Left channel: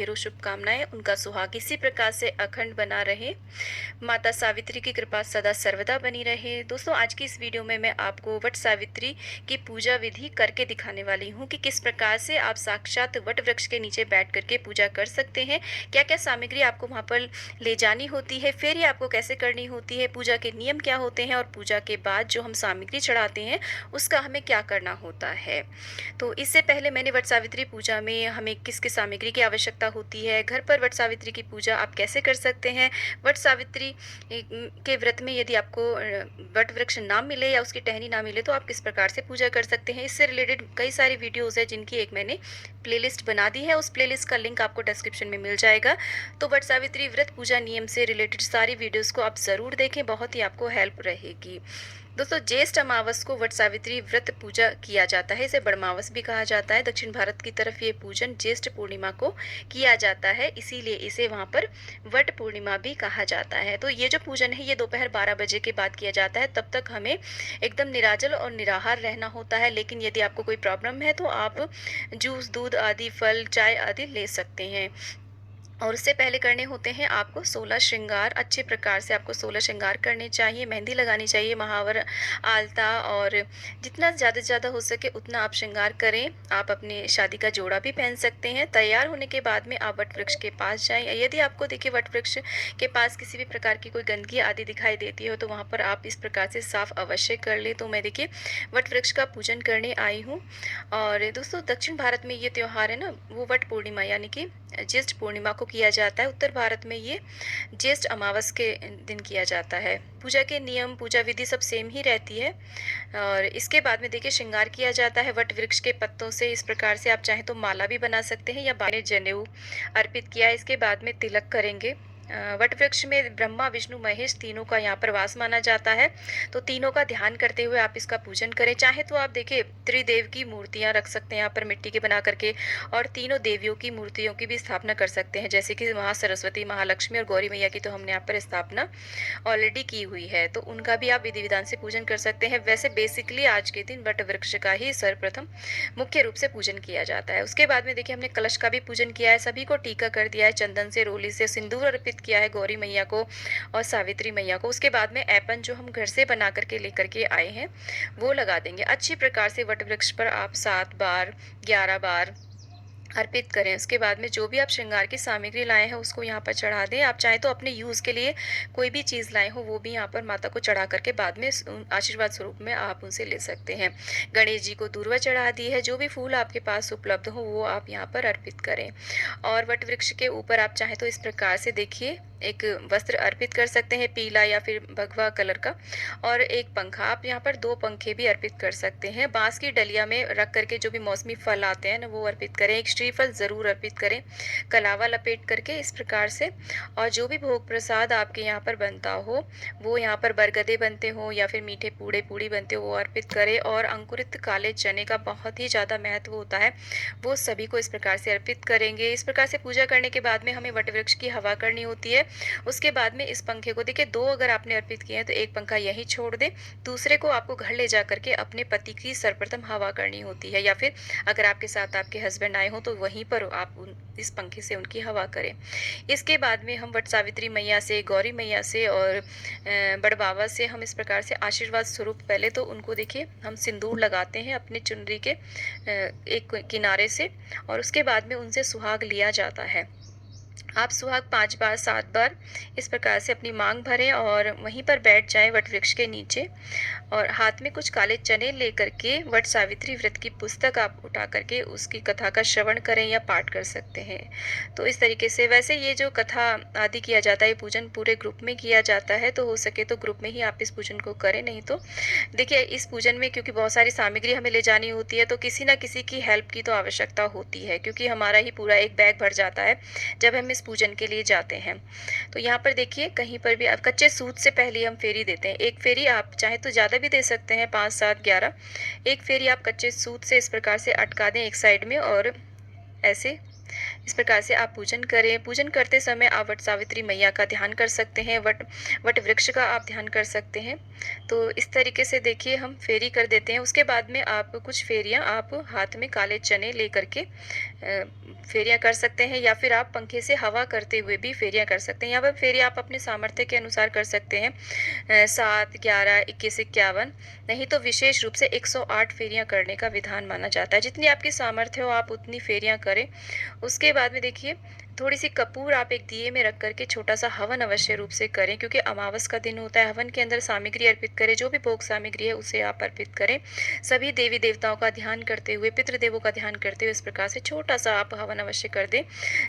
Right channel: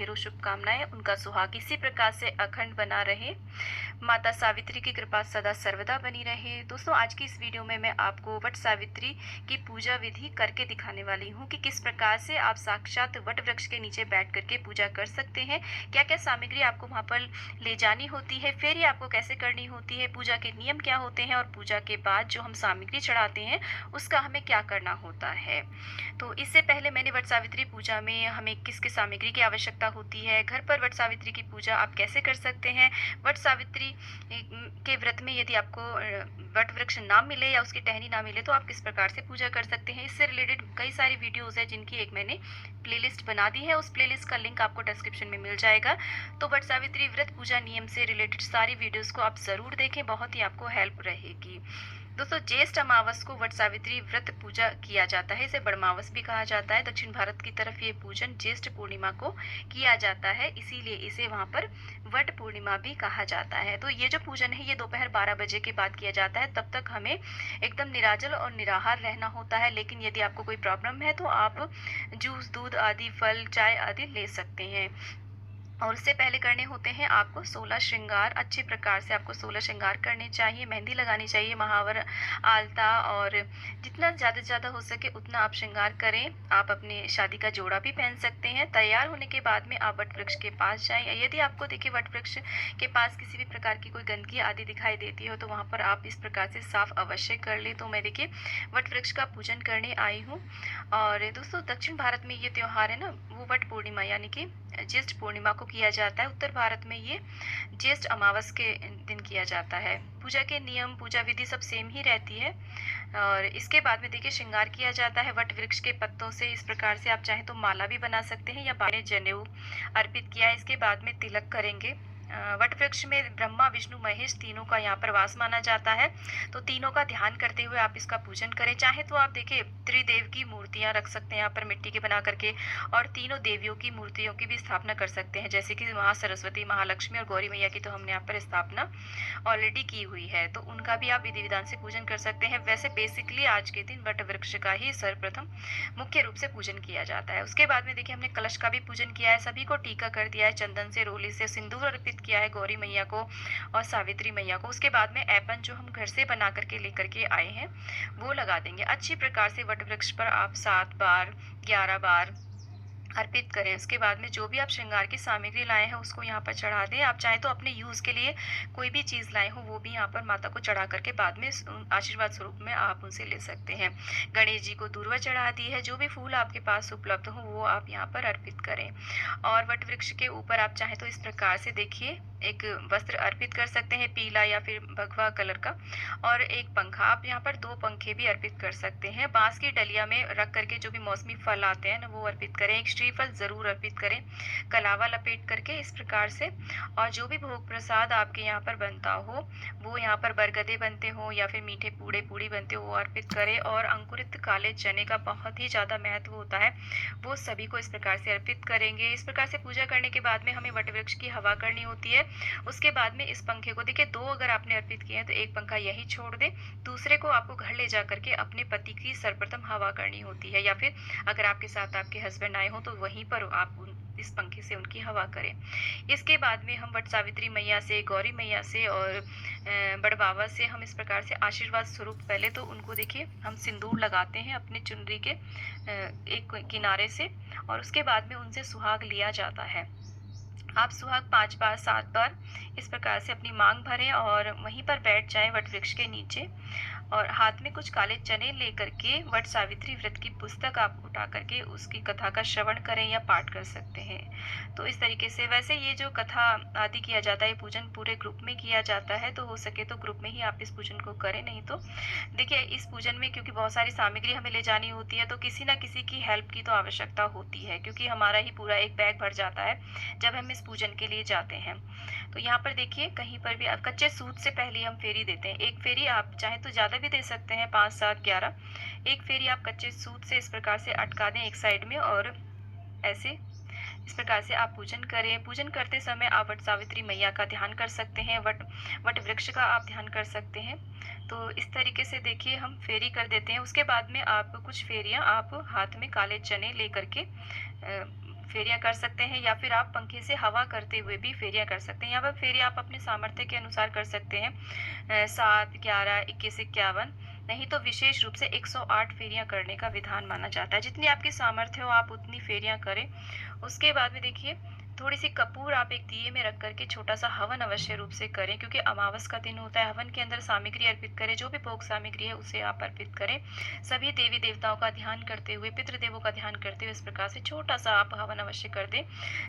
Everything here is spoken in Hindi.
ढेरों शुभकामनाएं। उनका सुहाग इसी प्रकार से अखंड बना रहे। माता सावित्री की कृपा सदा सर्वदा बनी रहे। दोस्तों, आज की इस वीडियो में मैं आपको वट सावित्री की पूजा विधि करके दिखाने वाली हूँ कि किस प्रकार से आप साक्षात वट वृक्ष के नीचे बैठ करके पूजा कर सकते हैं। क्या क्या सामग्री आपको वहाँ पर ले जानी होती है, फेरी आपको कैसे करनी होती है, पूजा के नियम क्या होते हैं और पूजा के बाद जो हम सामग्री चढ़ाते हैं उसका हमें क्या करना होता है। तो इससे पहले मैंने वट सावित्री पूजा में हमें किस किस सामग्री की आवश्यकता होती है, घर पर वट सावित्री की पूजा आप कैसे कर सकते हैं, वट सावित्री के व्रत में यदि आपको वट वृक्ष ना मिले या उसकी टहनी ना मिले तो आप किस प्रकार से पूजा कर सकते हैं। इससे रिलेटेड कई सारी वीडियोस है जिनकी एक मैंने प्लेलिस्ट बना दी है। उस प्लेलिस्ट का लिंक आपको डिस्क्रिप्शन में मिल जाएगा। तो वट सावित्री व्रत पूजा नियम से रिलेटेड सारी वीडियोस को आप ज़रूर देखें, बहुत ही आपको हेल्प रहेगी। दोस्तों, ज्येष्ठ अमावस को वट सावित्री व्रत पूजा किया जाता है। इसे बड़मावस भी कहा जाता है। दक्षिण भारत की तरफ ये पूजन ज्येष्ठ पूर्णिमा को किया जाता है, इसीलिए इसे वहाँ पर वट पूर्णिमा भी कहा जाता है। तो ये जो पूजन है ये दोपहर 12 बजे के बाद किया जाता है। तब तक हमें एकदम निराजल और निराहार रहना होता है। लेकिन यदि आपको कोई प्रॉब्लम है तो आप जूस, दूध आदि, फल, चाय आदि ले सकते हैं। और उससे पहले करने होते हैं आपको 16 श्रृंगार। अच्छे प्रकार से आपको 16 श्रृंगार करने चाहिए, मेहंदी लगानी चाहिए, महावर, आलता, और जितना ज़्यादा से ज़्यादा हो सके उतना आप श्रृंगार करें। आप अपने शादी का जोड़ा भी पहन सकते हैं। तैयार होने के बाद में आप वट वृक्ष के पास जाएं। यदि आपको देखिए वट वृक्ष के पास किसी भी प्रकार की कोई गंदगी आदि दिखाई देती हो तो वहाँ पर आप इस प्रकार से साफ अवश्य कर लें। तो मैं देखिए वट वृक्ष का पूजन करने आई हूँ। और दोस्तों, दक्षिण भारत में ये त्यौहार है ना, वो वट पूर्णिमा यानी कि ज्येष्ठ पूर्णिमा को किया जाता है। उत्तर भारत में ये ज्येष्ठ अमावस के दिन किया जाता है। पूजा के नियम, पूजा विधि सब सेम ही रहती है। और इसके बाद में देखिए श्रृंगार किया जाता है वट वृक्ष के पत्तों से। इस प्रकार से आप चाहें तो माला भी बना सकते हैं या बाने जनेऊ अर्पित किया। इसके बाद में तिलक करेंगे। वट वृक्ष में ब्रह्मा, विष्णु, महेश तीनों का यहाँ पर वास माना जाता है। तो तीनों का ध्यान करते हुए आप इसका पूजन करें। चाहे तो आप देखिए त्रिदेव की मूर्तियां रख सकते हैं यहाँ पर मिट्टी के बना करके, और तीनों देवियों की मूर्तियों की भी स्थापना कर सकते हैं, जैसे कि महा सरस्वती, महालक्ष्मी और गौरी मैया की तो हमने यहाँ पर स्थापना ऑलरेडी की हुई है। तो उनका भी आप विधि विधान से पूजन कर सकते हैं। वैसे बेसिकली आज के दिन वट वृक्ष का ही सर्वप्रथम मुख्य रूप से पूजन किया जाता है। उसके बाद में देखिए हमने कलश का भी पूजन किया है, सभी को टीका कर दिया है, चंदन से, रोली से सिंदूर अर्पित किया है गौरी मैया को और सावित्री मैया को। उसके बाद में ऐपन जो हम घर से बना करके लेकर के आए हैं वो लगा देंगे। अच्छी प्रकार से वट वृक्ष पर आप 7 बार, 11 बार अर्पित करें। उसके बाद में जो भी आप श्रृंगार की सामग्री लाए हैं उसको यहाँ पर चढ़ा दें। आप चाहे तो अपने यूज़ के लिए कोई भी चीज़ लाए हो वो भी यहाँ पर माता को चढ़ा करके बाद में आशीर्वाद स्वरूप में आप उनसे ले सकते हैं। गणेश जी को दूर्वा चढ़ा दी है। जो भी फूल आपके पास उपलब्ध हो वो आप यहाँ पर अर्पित करें। और वट वृक्ष के ऊपर आप चाहे तो इस प्रकार से देखिए एक वस्त्र अर्पित कर सकते हैं, पीला या फिर भगवा कलर का, और एक पंखा। आप यहाँ पर 2 पंखे भी अर्पित कर सकते हैं। बांस की डलिया में रख करके जो भी मौसमी फल आते हैं ना वो अर्पित करें। एक श्रीफल ज़रूर अर्पित करें, कलावा लपेट करके इस प्रकार से। और जो भी भोग प्रसाद आपके यहाँ पर बनता हो, वो यहाँ पर बरगदे बनते हो या फिर मीठे पूड़े पूड़ी बनते हो वो अर्पित करें। और अंकुरित काले चने का बहुत ही ज़्यादा महत्व होता है, वो सभी को इस प्रकार से अर्पित करेंगे। इस प्रकार से पूजा करने के बाद में हमें वट वृक्ष की हवा करनी होती है। उसके बाद में इस पंखे को देखिए 2 अगर आपने अर्पित किए हैं तो एक पंखा यही छोड़ दें, दूसरे को आपको घर ले जा करके अपने पति की सर्वप्रथम हवा करनी होती है, या फिर अगर आपके साथ आपके हस्बैंड आए हो तो वहीं पर आप इस पंखे से उनकी हवा करें। इसके बाद में हम वट सावित्री मैया से, गौरी मैया से और बड़ बाबा से हम इस प्रकार से आशीर्वाद स्वरूप पहले तो उनको देखिए हम सिंदूर लगाते हैं अपने चुनरी के एक किनारे से, और उसके बाद में उनसे सुहाग लिया जाता है। आप सुहाग 5 बार, 7 बार इस प्रकार से अपनी मांग भरें और वहीं पर बैठ जाएं वट वृक्ष के नीचे, और हाथ में कुछ काले चने लेकर के वट सावित्री व्रत की पुस्तक आप उठा करके उसकी कथा का श्रवण करें या पाठ कर सकते हैं। तो इस तरीके से वैसे ये जो कथा आदि किया जाता है, पूजन पूरे ग्रुप में किया जाता है, तो हो सके तो ग्रुप में ही आप इस पूजन को करें। नहीं तो देखिए इस पूजन में क्योंकि बहुत सारी सामग्री हमें ले जानी होती है तो किसी ना किसी की हेल्प की तो आवश्यकता होती है, क्योंकि हमारा ही पूरा एक बैग भर जाता है जब हम इस पूजन के लिए जाते हैं। तो यहाँ पर देखिए कहीं पर भी आप कच्चे सूत से पहले हम फेरी देते हैं। एक फेरी आप चाहे तो ज़्यादा भी दे सकते हैं, 5, 7, 11। एक फेरी आप कच्चे सूत से इस प्रकार से अटका दें एक साइड में, और ऐसे इस प्रकार से आप पूजन करें। पूजन करते समय आप वट सावित्री मैया का ध्यान कर सकते हैं, वट वट वृक्ष का आप ध्यान कर सकते हैं। तो इस तरीके से देखिए हम फेरी कर देते हैं। उसके बाद में आप कुछ फेरियाँ आप हाथ में काले चने लेकर के फेरियाँ कर सकते हैं, या फिर आप पंखे से हवा करते हुए भी फेरियाँ कर सकते हैं। यहाँ पर फेरी आप अपने सामर्थ्य के अनुसार कर सकते हैं। 7, 11, 21, 51, नहीं तो विशेष रूप से 108 फेरियाँ करने का विधान माना जाता है। जितनी आपकी सामर्थ्य हो आप उतनी फेरियाँ करें। उसके बाद में देखिए थोड़ी-सी कपूर आप एक दिए में रख कर के छोटा-सा हवन अवश्य रूप से करें, क्योंकि अमावस का दिन होता है। हवन के अंदर सामग्री अर्पित करें, जो भी भोग सामग्री है उसे आप अर्पित करें। सभी देवी-देवताओं का ध्यान करते हुए, पितृदेवों का ध्यान करते हुए इस प्रकार से छोटा-सा आप हवन अवश्य कर दें।